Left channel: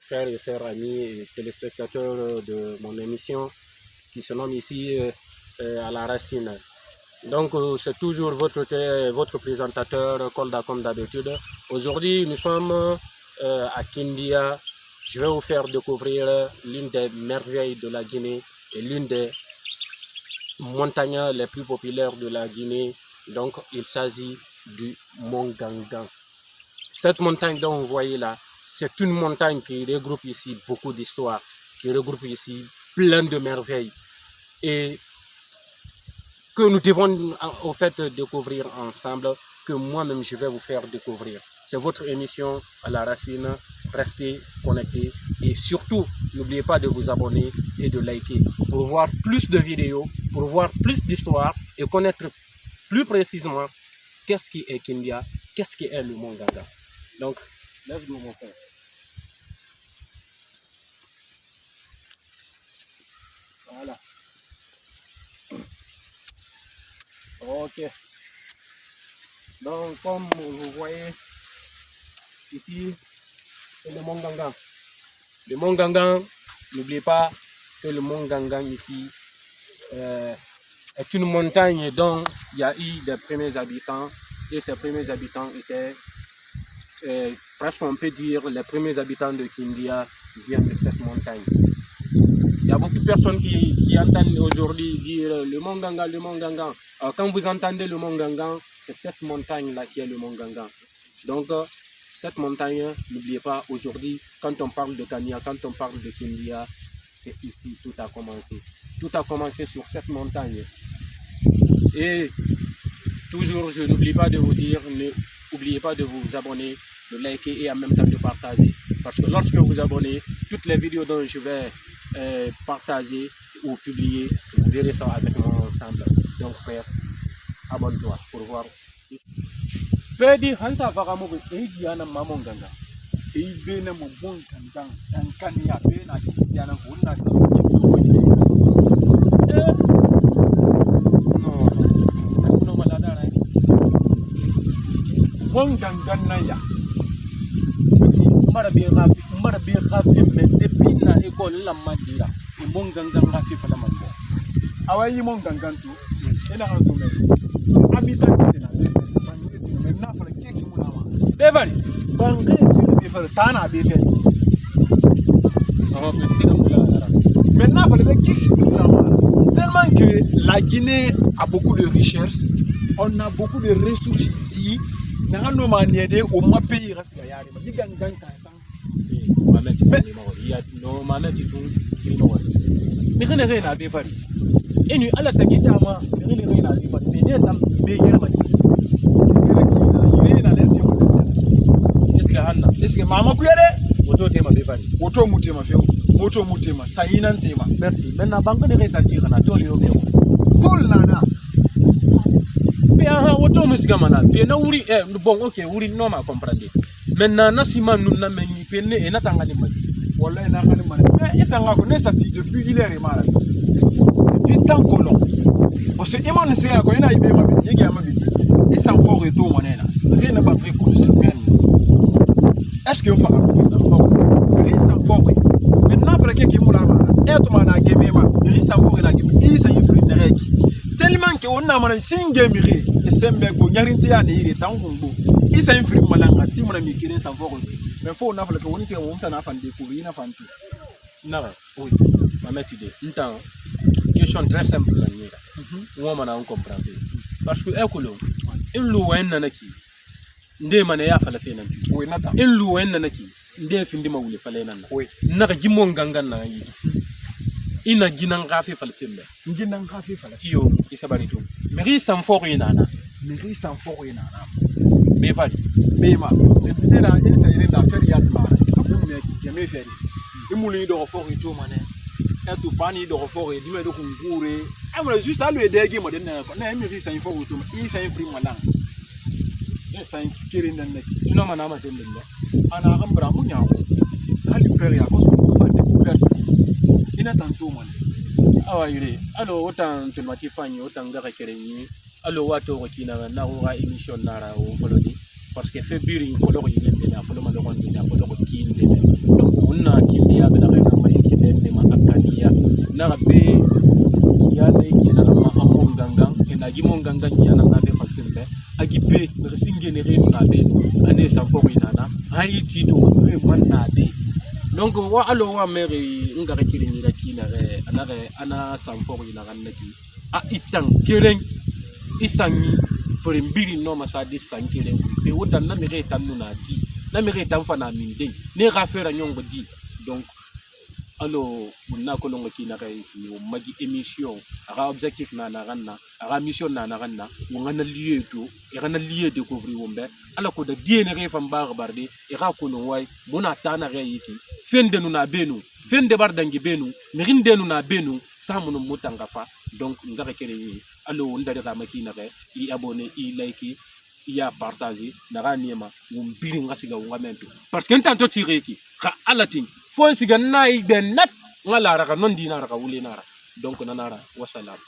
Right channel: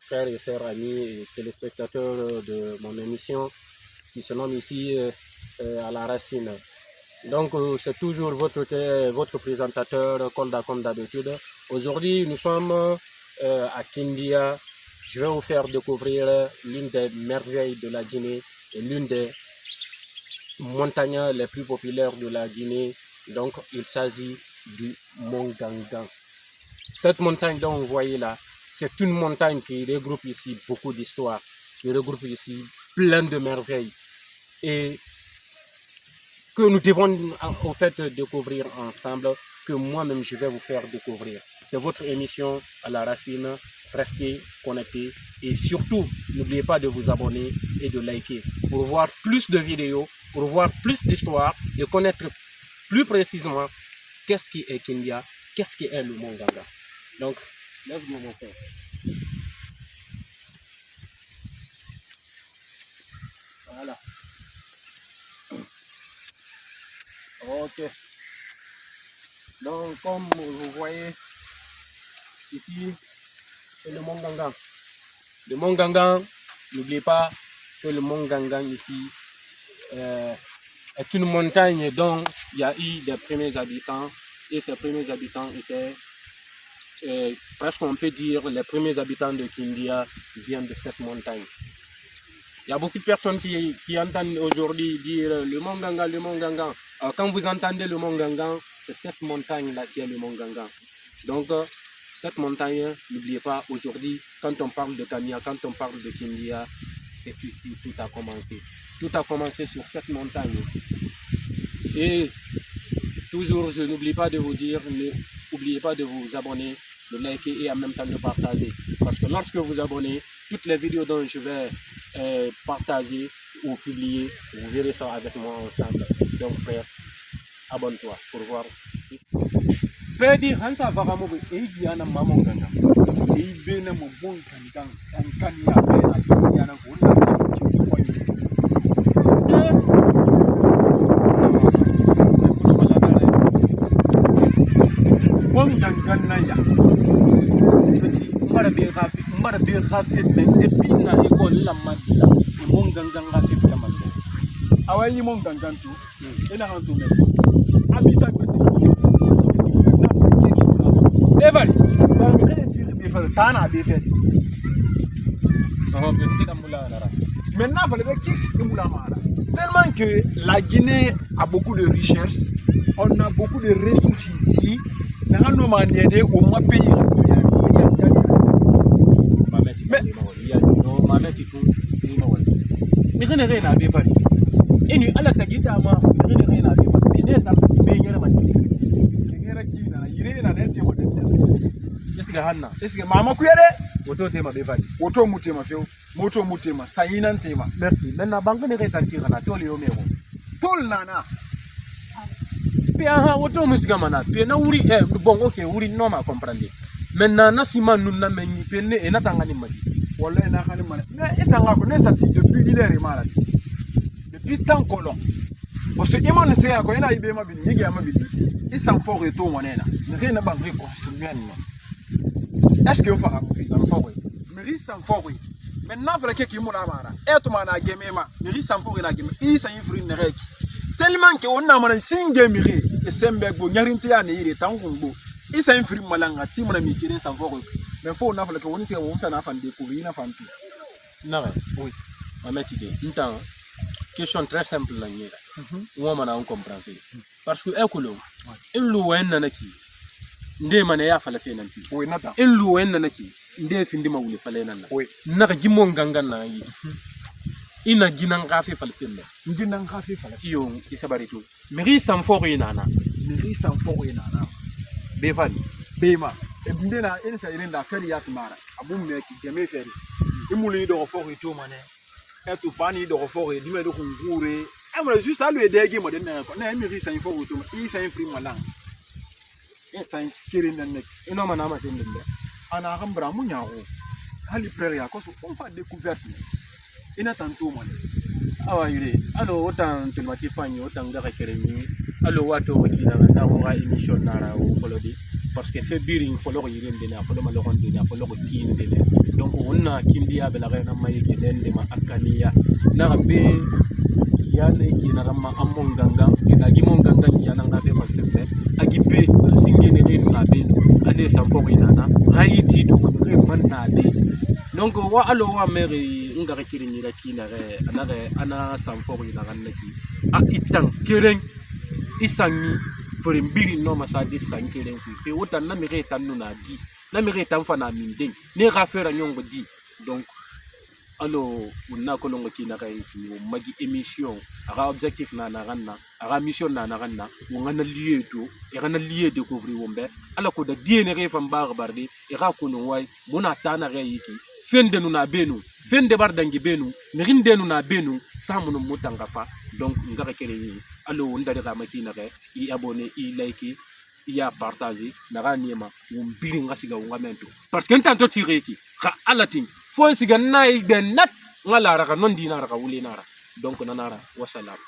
frères et sœurs, amis et téléspectateurs de mon émission qui se nomme ici à la racine. Donc c'est toujours votre présentateur Kolda comme d'habitude. Aujourd'hui nous sommes à Kindia. Je vais vous faire découvrir l'une des merveilles de la Guinée et l'une des montagnes les plus populaires de la Guinée. Donc il s'agit du Mont Gangan. Cette montagne dont vous voyez là, c'est une montagne qui regroupe ici beaucoup d'histoires, qui regroupe ici plein de merveilles et que nous devons en fait découvrir ensemble, que moi-même je vais vous faire découvrir. C'est votre émission à la racine. Restez connectés et surtout n'oubliez pas de vous abonner et de liker pour voir plus de vidéos, pour voir plus d'histoires et connaître plus précisément qu'est-ce qui est Kindia, qu'est-ce qui est le Mont Gangan. Donc, let's go mon frère. Voilà. Ok. Donc, comme vous voyez, ici, c'est le Mont Gangan. Le Mont Gangan, n'oubliez pas que le Mont Gangan ici est une montagne dont il y a eu des premiers habitants et ces premiers habitants étaient presque on peut dire les premiers habitants de Kindia viennent de cette montagne. Il y a beaucoup de personnes qui entendent aujourd'hui dire le Mont Gangan, le Mont Gangan. Alors, quand vous entendez le Mont Gangan, c'est cette montagne-là qui est le Mont Gangan. Donc, cette montagne, n'oubliez pas, aujourd'hui, quand on parle de Kania, quand on parle de Kindia, c'est ici tout a commencé. Tout a commencé sur cette montagne. Et toujours, je n'oublie pas de vous dire, n'oubliez pas de vous abonner, de liker et en même temps de partager. Parce que lorsque vous abonnez, toutes les vidéos dont je vais partager ou publier, vous verrez ça avec moi ensemble. Donc frère, abonne-toi pour voir. Pedi Hansa Vagamogo et Diana Mamon Ganga. Et bien mon bon cancan, un cania, et Diana Hunda. Bon gangan naya. Marabe rafi men depina école la madila et mon gangan rafi la mande. Awayi mon gangan tu ina anzo men. Habitat na fa kiki kula. Evari bangé tire be fa tana be fe. Ah petit dam la la. Maintenant il fallait kiki kula mara. Tellement que la Guinée a beaucoup de richesses, on a beaucoup de ressources ici. Nous avons aidé au moins pays. Merci. Maintenant, banque de rétention, na toli omeo. Tol nana. Pia auto musigamana. Pia na uri bon ok uri no ma comprendre. Maintenant na sima nous na mengi pene e na tangani magi. Wallahi na ngani mana. Mais etanga ko ne sati depuis il est malade. Depuis tant colon. Parce que imane se ya ko ina ibe ma bi yegi ama bi. Il s'en faut retour monena. Rien na ba vrai ko est-ce que vous faites ça? Maintenant, il faut que vous tellement que on a un single miré et Sembego, Yarintia, et Tangongo. Il s'est infirmé malanga, Timon Mikine sans voir. Mais il faut qu'on a fait on s'est découvrir une femme. Non, oui, ma mère idée. Une question très simple. Moi, on comprend. Parce que, écoutez, il loin nanaki. Nde mana ya fala fe nan tu. Oui, nata. In luwen na naki. Nde findi ma wule fala nan. Oui. Naka gimon gangan na yi. Ina ginan gafe fala fe me. Ginan gafe fala. Iyo isabari tu. Meri san fo nana. Meri san fo nana. Be fali. Be ma. E binde la ene sa yirenda feri ya mara. Abu me ki keme feri. Imuli do fo to mane. E to bani do fo e dime do kungure. Amra juste à lui dege mo den na ko. Na meri san fo to. I san fri malang. Saint Kirin and you know, Manama in the Anna Ambramunia. Hali Prairie, I was découverte. Il n'a tant tout money. Ah, il est. Alors, autant que Matifani, autant de Kereni, alors, what over Kina, Naura émission Nara ou Folodi, parce que fait biring follow in the follow Malon, follow Kin, donc on a na kimbiya bela ga ma yake dende ma akaniya na be ya ne ki na ma amon gangan ina gi mon gangan ya na be falsifte agi be singe ne re na be ane samfo ina na haiti do re man na de donc wa alo wa mere ngara kiri ni la kina re ana samfo ina kan naki a itang keren isangi mbiri no masadi sankelen ku pe wotan na mere tan na di na mere tan fa na mindeng ne ga fera nyongo di donc alo unna ko longo kina kai ki o magi émission aga objectif na ganna aga mission na ganna wo ngana lieu to e gana lieu découvrir wombe ala ko da diene re fam bar barde e ga ko no way bona tana re yiki fende nu na benu fende bar dangi benu merinde nu na benu samuno mutanga fa donc ngara kere yi alo ndare ga makina re i abonné i like i a partager na ga niema wombiri ngasiga wongamento parce que ntanto tireki ka alatin fo siga nay ben nat ngala raka non dinara ka wuli nara donc nanara wassalam